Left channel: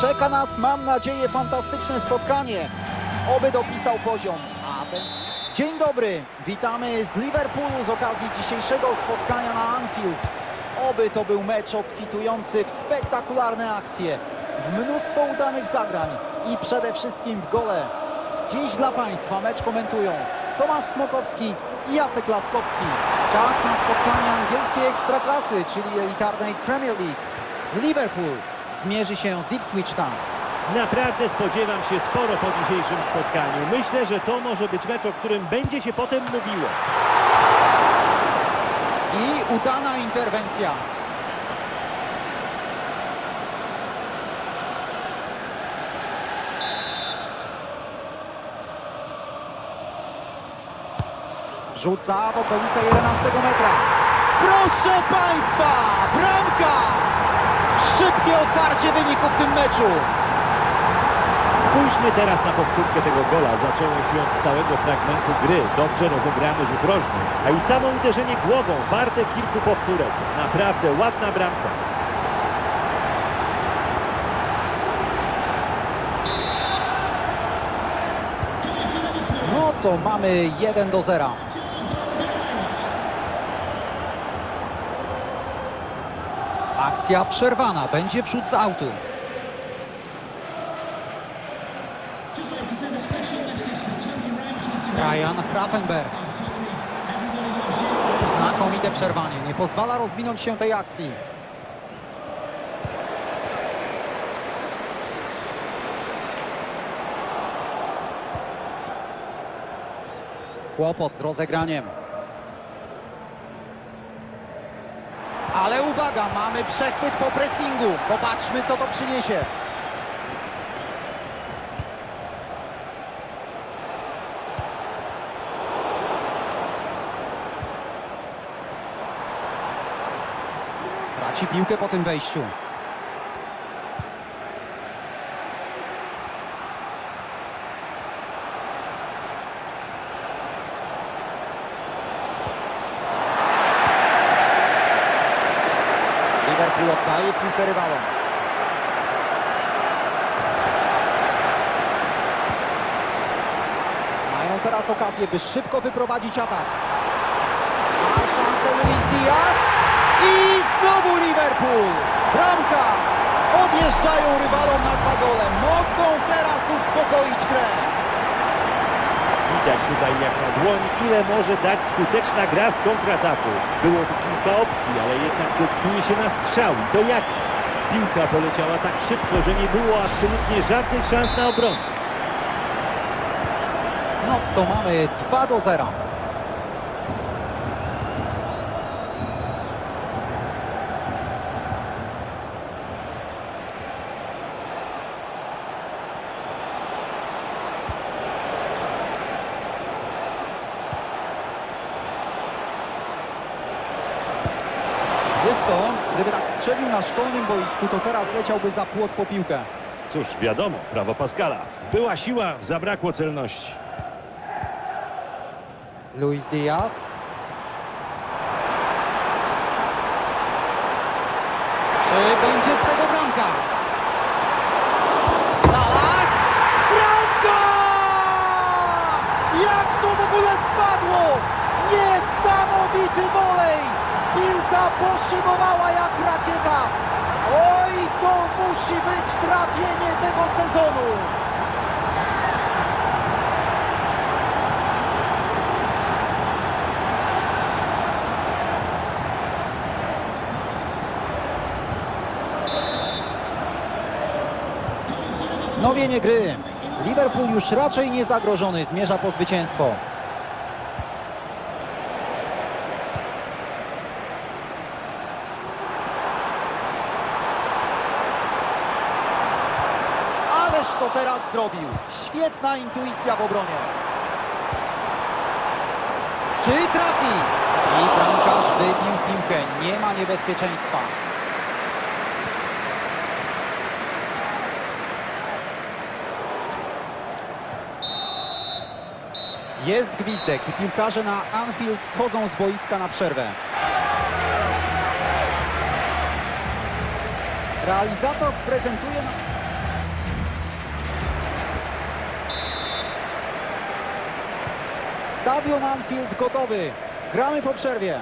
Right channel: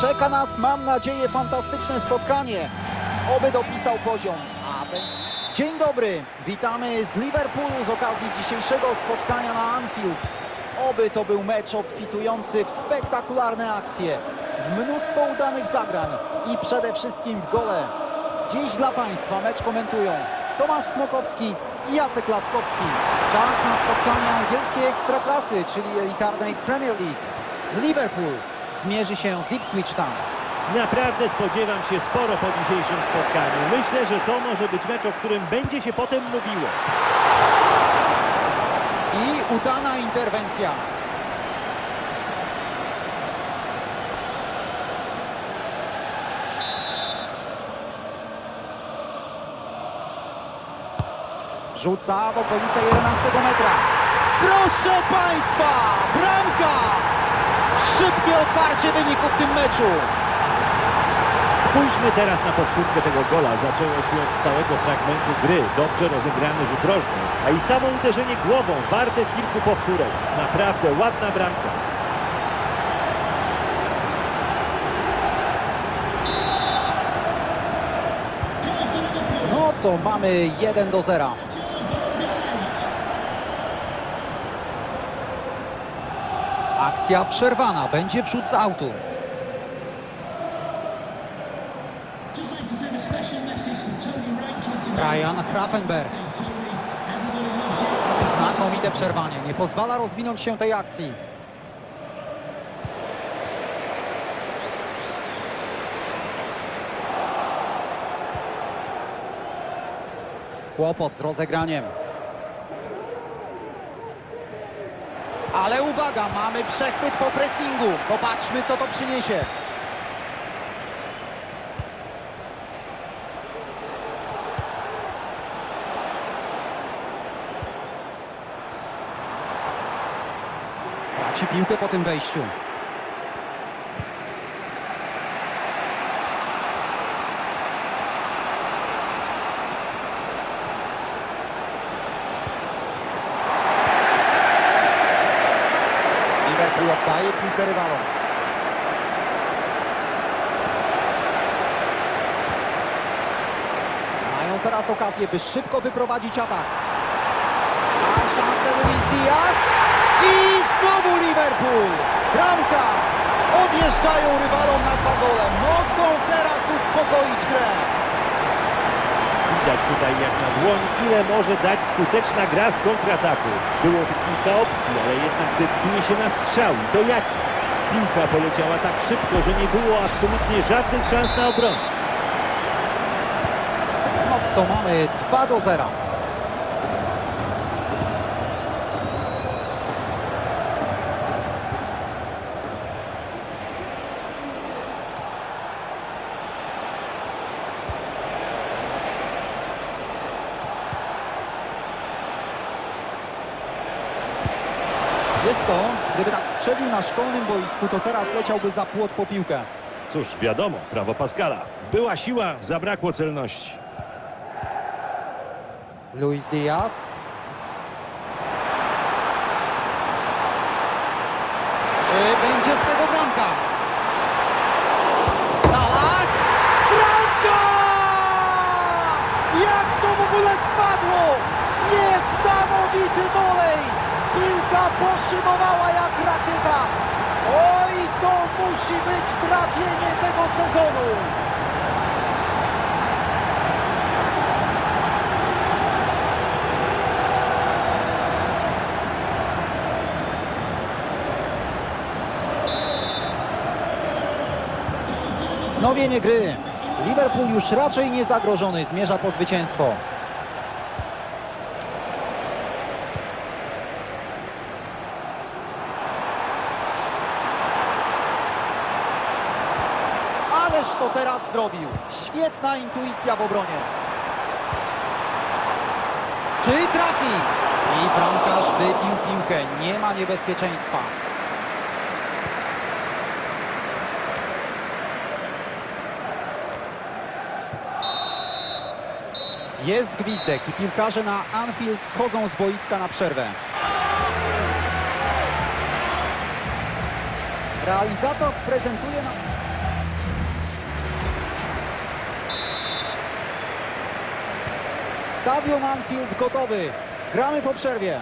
Czeka nas, mam nadzieję, fantastyczne spotkanie. Oby dopisał poziom. Dzień dobry, witamy z Liverpoolu z okazji dzisiejszego spotkania na Anfield. Oby to był mecz obfitujący w spektakularne akcje, w mnóstwo udanych zagrań i przede wszystkim w gole. Dziś dla Państwa mecz komentują Tomasz Smokowski i Jacek Laskowski. Czas na spotkanie angielskiej ekstraklasy, czyli elitarnej Premier League. Liverpool zmierzy się z Ipswich Town. Naprawdę spodziewam się sporo po dzisiejszym spotkaniu. Myślę, że to może być mecz, o którym będzie się potem mówiło. I udana interwencja. Wrzuca w okolice 11 metra. Proszę Państwa, bramka! Szybkie otwarcie wyniku w tym meczu. Spójrzmy teraz na powtórkę tego gola. Zaczęło się od stałego fragmentu gry. Dobrze rozegrany rzut rożny. A i samo uderzenie głową warte kilku powtórek. Naprawdę ładna bramka. No to mamy 1 do 0. Akcja przerwana, będzie wrzut z autu. Ryan Grafenberg. Znakomite przerwanie, nie pozwala rozwinąć się tej akcji. Kłopot z rozegraniem. Ale uwaga, mamy przechwyt po pressingu. Popatrzmy, co to przyniesie. Traci piłkę po tym wejściu. Liverpool oddaje piłkę rywalom. Mają teraz okazję, by szybko wyprowadzić atak. Ma szansę Luis Diaz i znowu Liverpool. Bramka. Odjeżdżają rywalom na dwa gole. Mogą teraz uspokoić grę. Widać tutaj jak na dłoń, ile może dać skuteczna gra z kontrataku. Było tu kilka opcji, ale jednak decyduje się na strzał. I to jaki? Piłka poleciała tak szybko, że nie było absolutnie żadnych szans na obronę. No to mamy 2 do 0. Gdyby tak strzelił na szkolnym boisku, to teraz leciałby za płot po piłkę. Cóż, wiadomo, prawo Pascala. Była siła, zabrakło celności. Luis Diaz. Czy będzie z tego bramka? Salah! Bramka! Jak to w ogóle wpadło? Niesamowity wolej! Piłka poszybowała jak rakieta. Oj, to musi być trafienie tego sezonu. Wznowienie gry. Liverpool już raczej nie zagrożony, zmierza po zwycięstwo. Ależ to teraz zrobił. Świetna intuicja w obronie. Czy trafi? I bramkarz wybił piłkę. Nie ma niebezpieczeństwa. Jest gwizdek i piłkarze na Anfield schodzą z boiska na przerwę. Realizator prezentuje nam... Stadion Anfield gotowy. Gramy po przerwie.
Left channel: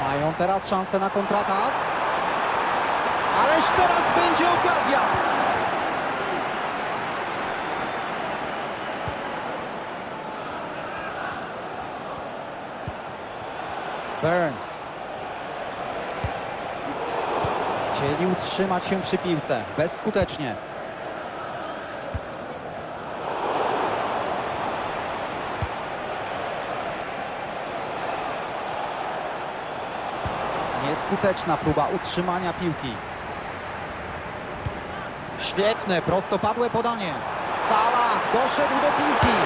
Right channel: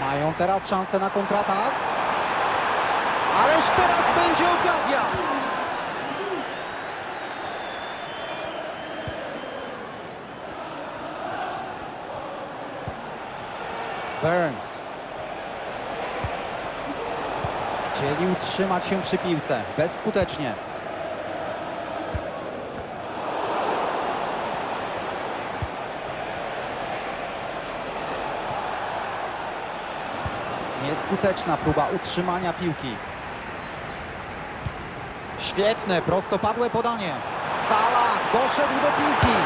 Mają teraz szansę na kontratak. Ależ teraz będzie okazja. Burns. Chcieli utrzymać się przy piłce. Bezskutecznie. Nieskuteczna próba utrzymania piłki. Świetne, prostopadłe podanie. Salah doszedł do piłki.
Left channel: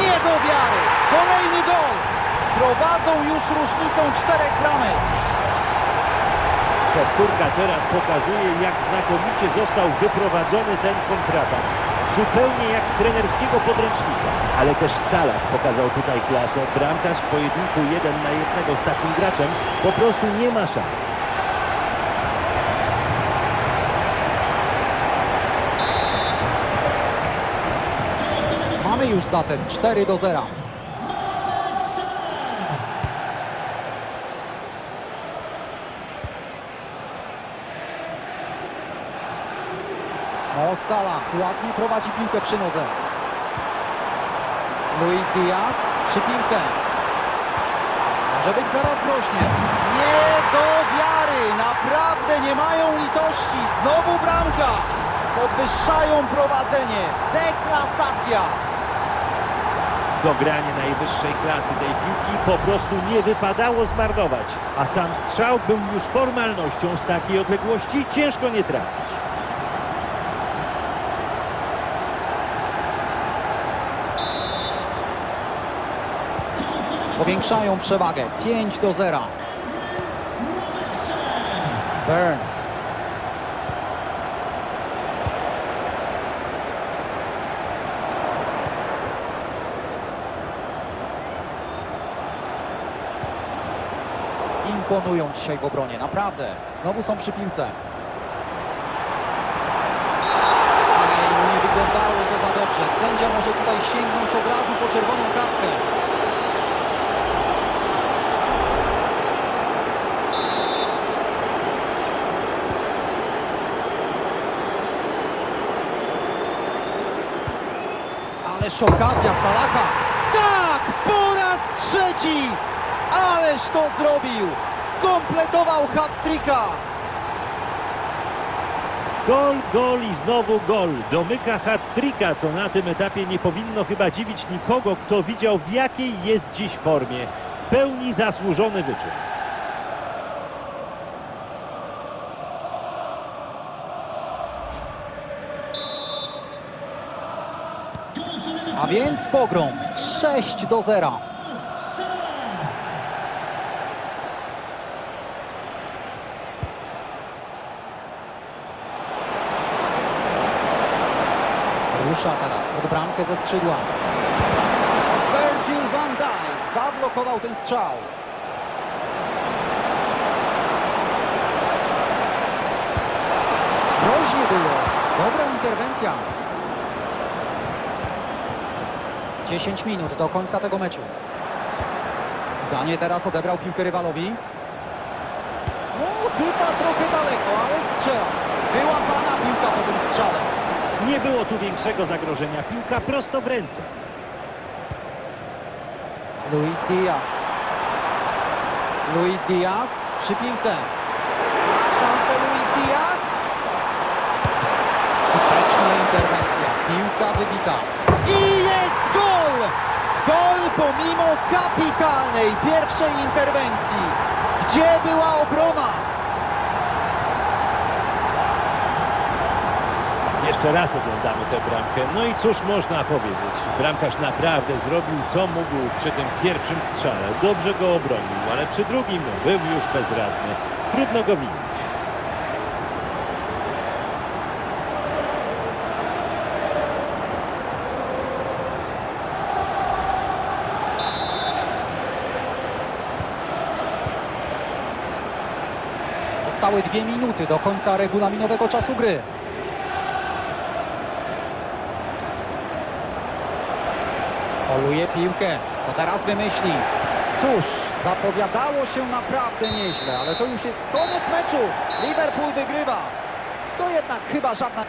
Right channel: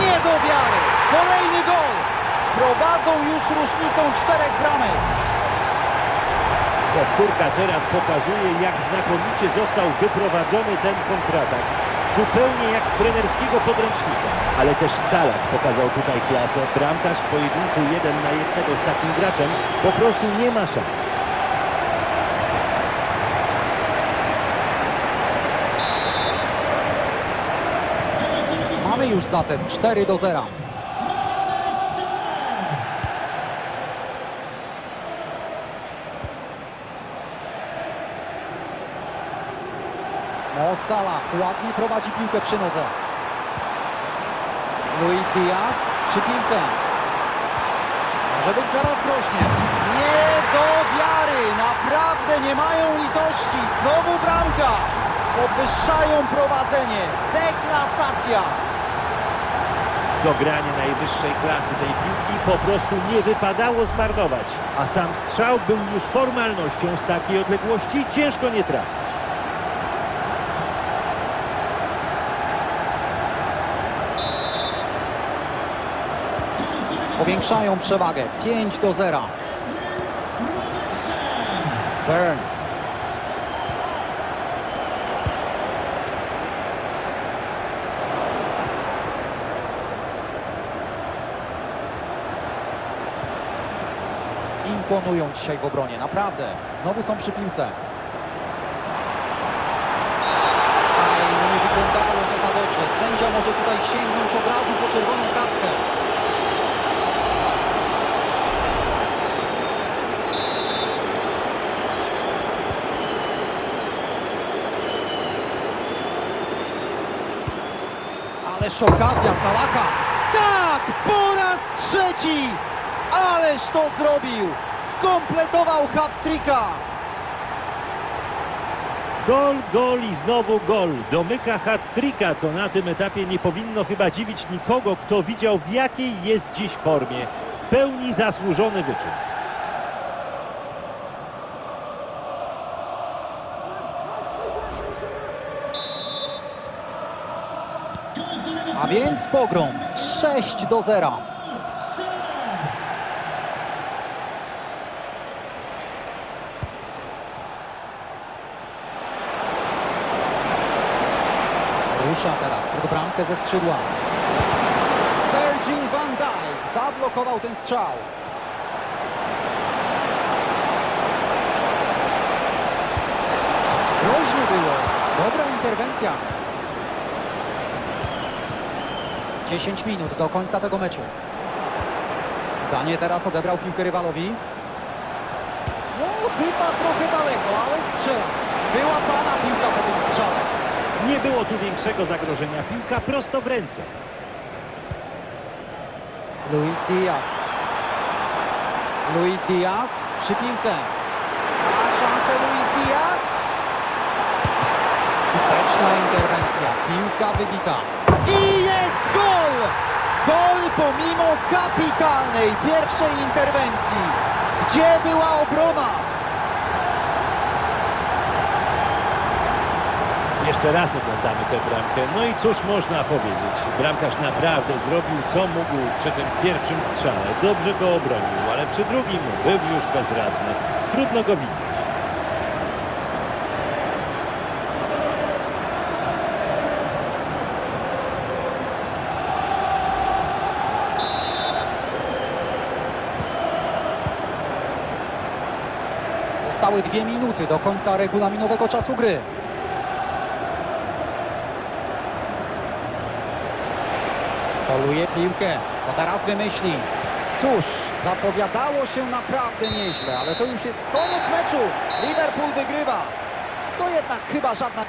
Nie do wiary. Kolejny gol. Prowadzą już różnicą czterech bramek. Powtórka teraz pokazuje, jak znakomicie został wyprowadzony ten kontratak. Zupełnie jak z trenerskiego podręcznika. Ale też Salah pokazał tutaj klasę. Bramkarz w pojedynku jeden na jednego z takim graczem po prostu nie ma szans. Mamy już zatem 4 do 0. Mo ładnie prowadzi piłkę przy nodze. Luis Diaz przy piłce. Może być zaraz groźnie. Nie do wiary. Naprawdę nie mają litości. Znowu bramka. Podwyższają prowadzenie. Deklasacja. Dogranie najwyższej klasy tej piłki po prostu nie wypadało zmarnować. A sam strzał był już formalnością z takiej odległości. Ciężko nie trafić. Powiększają przewagę. 5 do 0. Robertson. Burns. Imponują dzisiaj w obronie, naprawdę. Znowu są przy piłce. Aj, no nie wyglądało to za dobrze. Sędzia może tutaj sięgnąć od razu po czerwoną kartkę. Ależ okazja Salaha. Tak, po raz trzeci. Ależ to zrobił. Skompletował hat-tricka. Gol, gol i znowu gol. Domyka hat-tricka, co na tym etapie nie powinno chyba dziwić nikogo, kto widział w jakiej jest dziś formie. W pełni zasłużony wyczyn. Więc pogrom. 6 do 0. Salah. Rusza teraz pod bramkę ze skrzydła. Virgil van Dijk zablokował ten strzał. Groźnie było. Dobra interwencja. 10 minut do końca tego meczu. Danie teraz odebrał piłkę rywalowi. No, chyba trochę daleko, ale strzela. Wyłapana piłka po tym strzale. Nie było tu większego zagrożenia. Piłka prosto w ręce. Luis Diaz. Luis Diaz przy piłce. Ma szansę Luis Diaz. Skuteczna interwencja. Piłka wybita. I jest gol! Gol pomimo kapitalnej pierwszej interwencji. Gdzie była obrona? Jeszcze raz oglądamy tę bramkę. No i cóż można powiedzieć? Bramkarz naprawdę zrobił co mógł przy tym pierwszym strzale. Dobrze go obronił, ale przy drugim był już bezradny. Trudno go winić. Zostały dwie minuty do końca regulaminowego czasu gry. Poluje piłkę. Co teraz wymyśli? Cóż, zapowiadało się naprawdę nieźle, ale to już jest koniec meczu. Liverpool wygrywa. To jednak chyba żadna...